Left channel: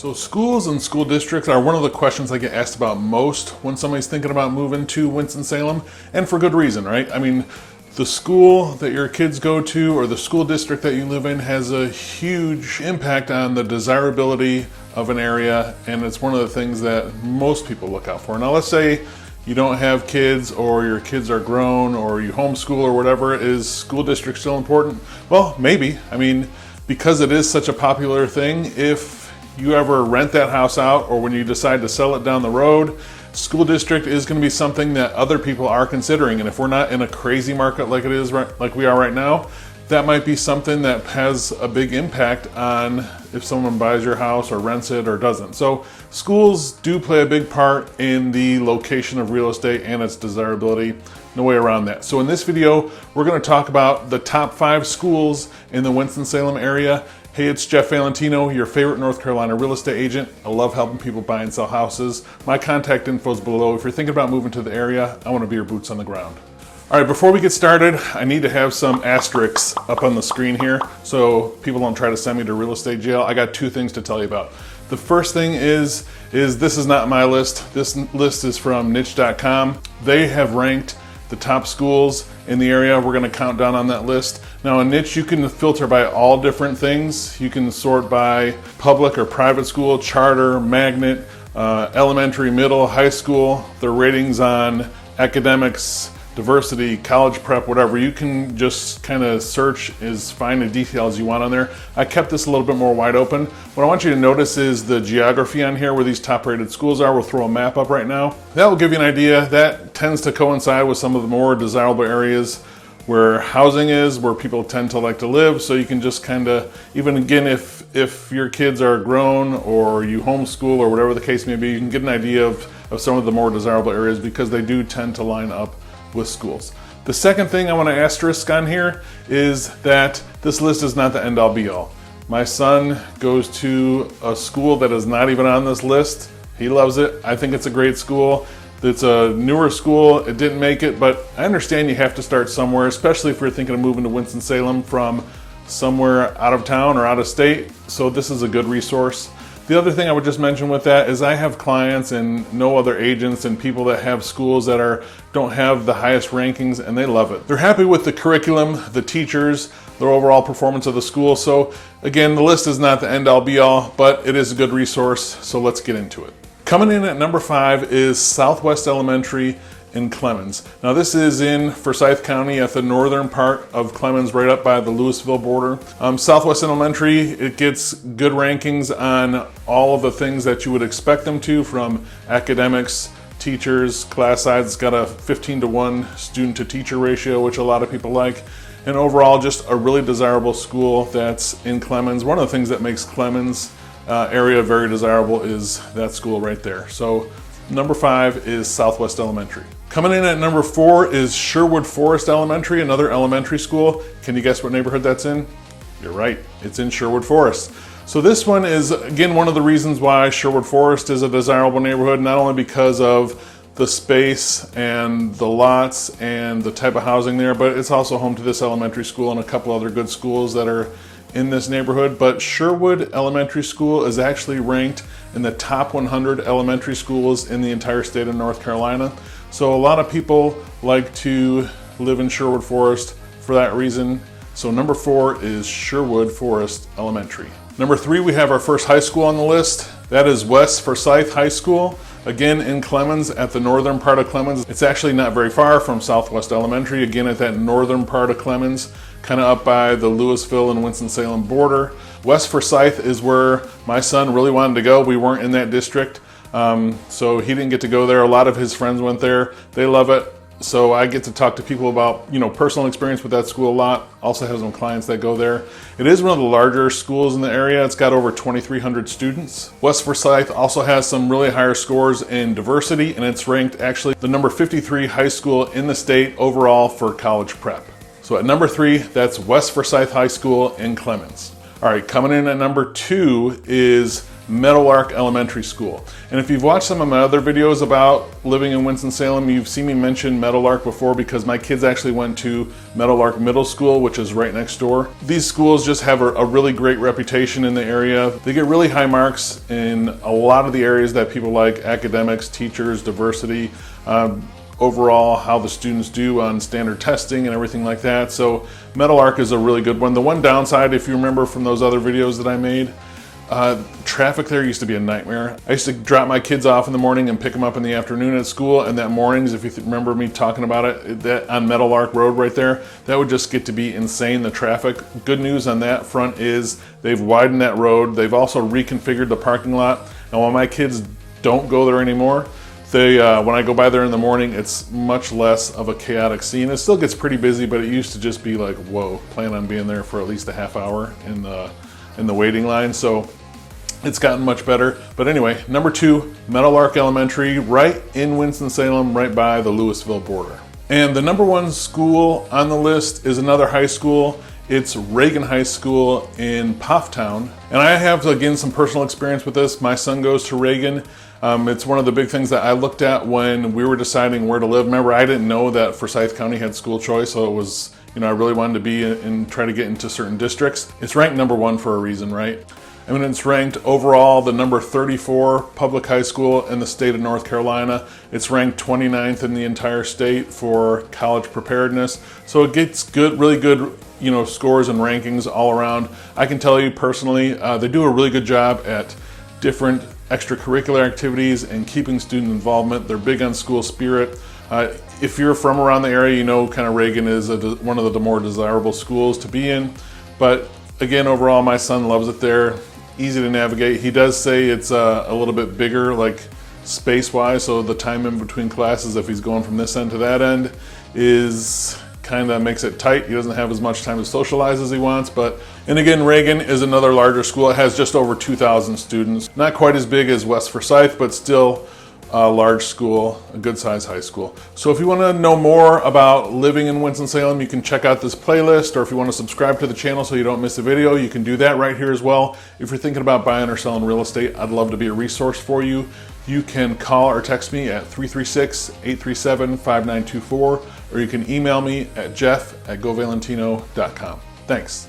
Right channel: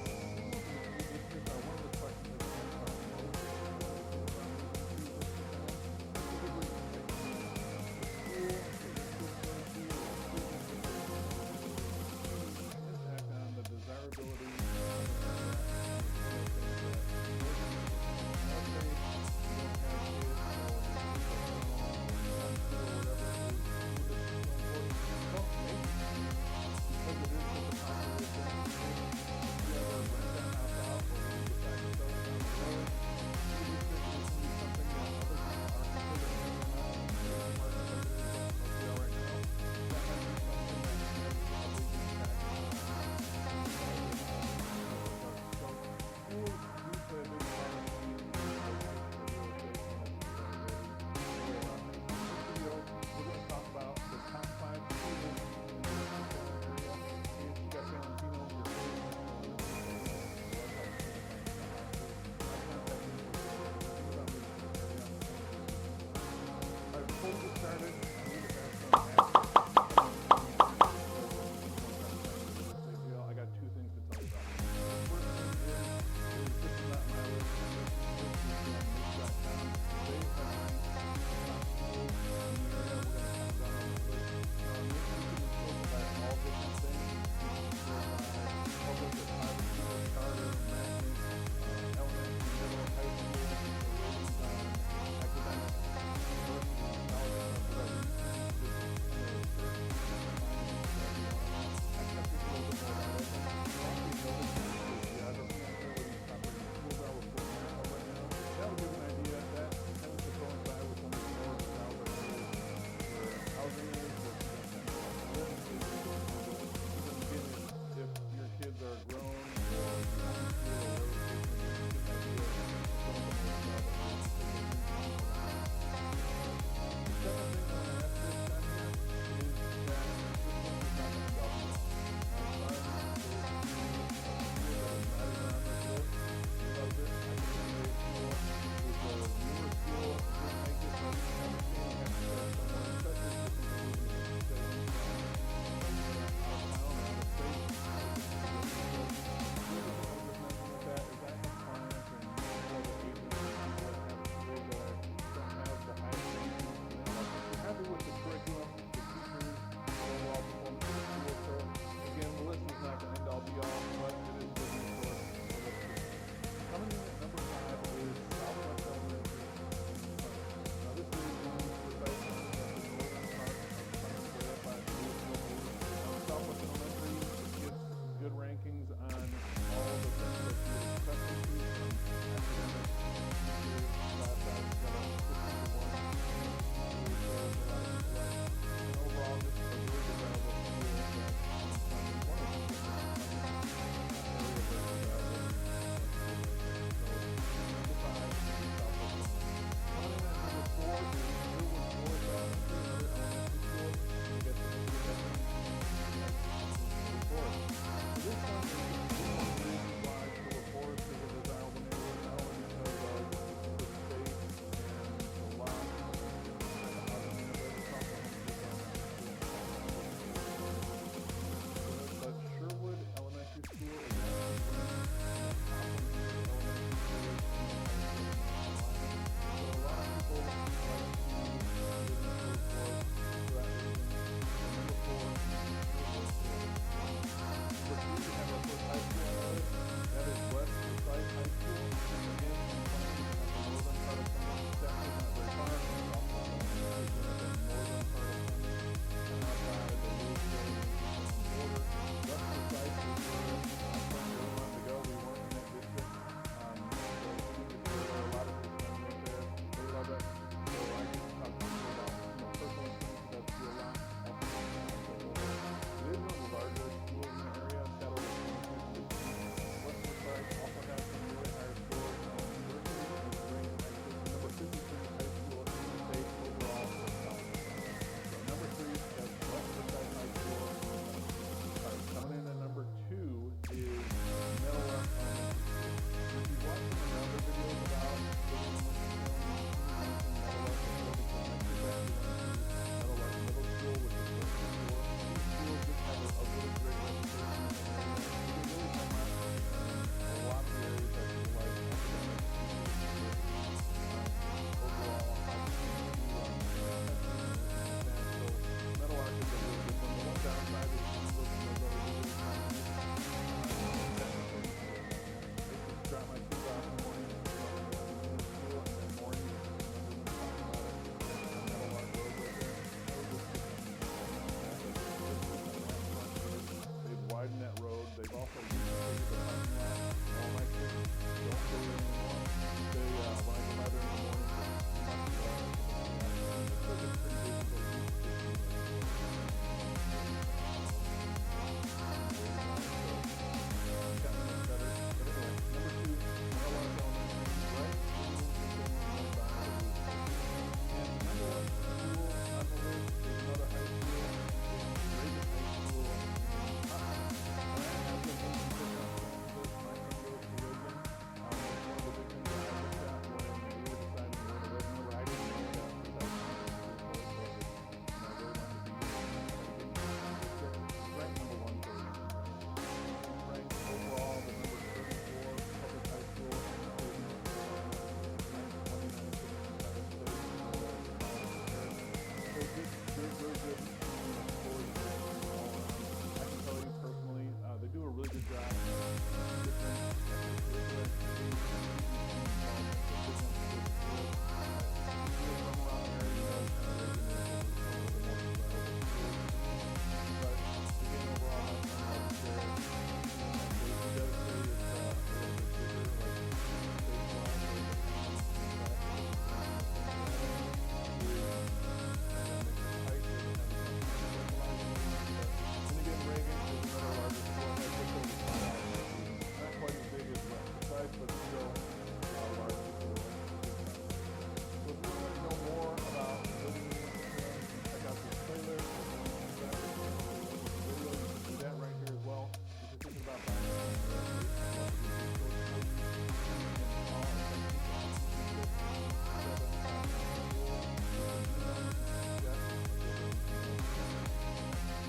So schools and school districts are one of the questions I get asked about most when somebody's thinking about moving to Winston-Salem, and for good reason, right? I mean, the school that your kids go to or the school district that you live in has a huge impact on the desirability of an area, and it's one of the things that most people look out for. Now let's say you don't have kids, or your kids are grown, or you homeschool or whatever. Is school district still important? Well, maybe. I mean, because it is such a popular thing, if you ever rent that house out or when you decide to sell it down the road, school district is going to be something that other people are considering. And if we're not in a crazy market like it is like we are right now, that might be something that has a big impact on if someone buys your house or rents it or doesn't. So schools do play a big part in the location of real estate and its desirability. No way around that. So in this video, we're going to talk about the top 5 schools in the Winston-Salem area. Hey, it's Jeff Valentino, your favorite North Carolina real estate agent. I love helping people buy and sell houses. My contact info is below. If you're thinking about moving to the area, I want to be your boots on the ground. All right, before we get started, I need to have some asterisks up on the screen here so people don't try to send me to real estate jail. I got 2 things to tell you about. The first thing is this is not my list. This list is from niche.com. They have ranked the top schools in the area. We're going to count down on that list. Now in Niche, you can filter by all different things. You can sort by public or private school, charter, magnet, elementary, middle, high school, their ratings on academics, diversity, college prep, whatever. You can just kind of search, find the details you want on there. I kept this a little bit more wide open. What I want you to notice is the geography on here where these top rated schools are. We'll throw a map up right now. That will give you an idea. That tends to coincide with some of the more desirable areas where housing is, where people tend to like to live. So you can just kind of, even again, if your kids are grown or you homeschool or whatever the case may be, you can get an idea of some of the more desirable areas because they do tend to line up with schools. The second thing I want to asterisk on here is that this list is not the end all be all. My son goes to a school that is not even on this list. He loves it. I think it's a great school. It's a newer school. It didn't make it, but I understand you have to start somewhere, especially if you're thinking of moving to Winston-Salem from somewhere out of town or out of state. So this is a good resource. The other thing I would just mention with that is I have clients and no other agents and people that have schools that don't have the highest rankings, and they love it. They're happy with the curriculum, the teachers, their overall performance of the school. So again, the list is not the end all be all, but it is a good resource. So let's get into it. Coming in at number 5 is Southwest Elementary in Clemens. Now this is in Forsyth County at the northern part of Clemens, right up by the Louisville border. Southwest Elementary, it gets good rankings on all of the things that you would expect them to, from academics, teachers, class size. It's got a 15-to-1 student to teacher ratio, which a lot of people like. And overall, just a really desirable school that's in Clemens. One of the things that makes Clemens area very desirable is that school right there. So number 5 is Southwest Elementary. Coming in at number 4 is Sherwood Forest Elementary, another elementary school. Can you guess what neighborhood that's in? You're right, it's in Sherwood Forest. So this one is, again, one of the reasons why Sherwood Forest is a desirable neighborhood, not only because of the space and the lots and the type of housing there, but it's also home to this elementary school and a couple other good schools that are in this neighborhood. But Sherwood Elementary School is actually ranked in the top 100 elementary schools in the entire state of North Carolina. So a lot of people like to live in Sherwood Forest for that reason. So number 4 is Sherwood Forest Elementary. Number 3, we have our first high school on the list. That is West Forsyth High School. Again, in Clemens, at the northern part of Clemens. It's actually not very far from Southwest Elementary. Again, at that northern part of Clemens, kind of up by the Louisville and Winston-Salem border. West Forsyth is where my son really wanted to go. We weren't in that district, so he didn't get to go there. A lot of his friends went there. They love it. So I get to talk to people about, personal experience with that school a lot. Also have some clients that go there. It is one of the larger schools in the area. It's got over 2,300 students. West Forsyth also has some really higher scores in diversity, and it's ranked actually the number 53 high school in the state overall for college prep. So at number 3, that's West Forsyth High School in Clemens. All right, coming in at number 2 is Meadowlark Elementary School. And if you've watched some of my other videos about living in Winston-Salem, you've seen me mention Meadowlark before because my kids actually went to Meadowlark Middle School, which is right next door. These schools just have a really great reputation in the area. They get really high marks in a lot of the areas that people like: academics, teachers, diversity, overall how the students do on standard testing and everything like that. So Meadowlark is a really good one. The one downside, if you remember from those other videos that I made, traffic there used to be a nightmare. I used to drop my kids off in the morning and pick them up in the afternoon at school, and that mornings, if you remember me talking about it, that on Meadowlark Road right there, that would just get to be insane, the traffic. Good news on that front is they've widened that road. They've also reconfigured the parking lot. And while my kids don't go there anymore, when I go by there in the morning, it's much less of a chaotic scene. It still gets pretty busy, but it used to just be like, whoa, plan on being there for at least a half hour in the waiting line. So it's gotten much better. But anyway, number 2, Meadowlark Elementary, right in Winston-Salem, right by the Louisville border. And the number 1 school on the list is another high school. It's Reagan High School in Pofftown. And I have, again, some personal experience with this. My son goes to Reagan. It's one of the big things that I looked at when we were deciding where to live. Remember, I didn't know that Forsyth County had school choice, so it was, I really wanted to be and try to get into certain districts. It's ranked number 1 for a reason, right? I mean, it's ranked overall the number 34 public high school in the state of North Carolina. It's ranked 29th in the entire state for college preparedness. So it gets good, really good, scores and rankings all around. I can tell you personally, they do a really good job at different extracurricular activities and keeping student involvement. They're big on school spirit. If you're from around the area, kind of Reagan is one of the more desirable schools to be in. But again, overall, my son loves it there. Easy to navigate. He does say it's a little bit bigger, like space-wise, so the time in between classes, if he's going from this end to that end, is kind of makes it tight. He doesn't have as much time to socialize as he wants. And again, Reagan is another larger school. It has just over 2,000 students. Not quite as big as West Forsyth, but still a large school, a good sized high school. So if you want to know more about living in Winston-Salem, you can check out this playlist, or if you want to subscribe to the channel so you don't miss a video, you can do that right here as well. If you're thinking about buying or selling real estate, I'd love to be a resource for you. You can call or text me at 336-837-5924, or you can email me at jeff@govalentino.com. Thanks.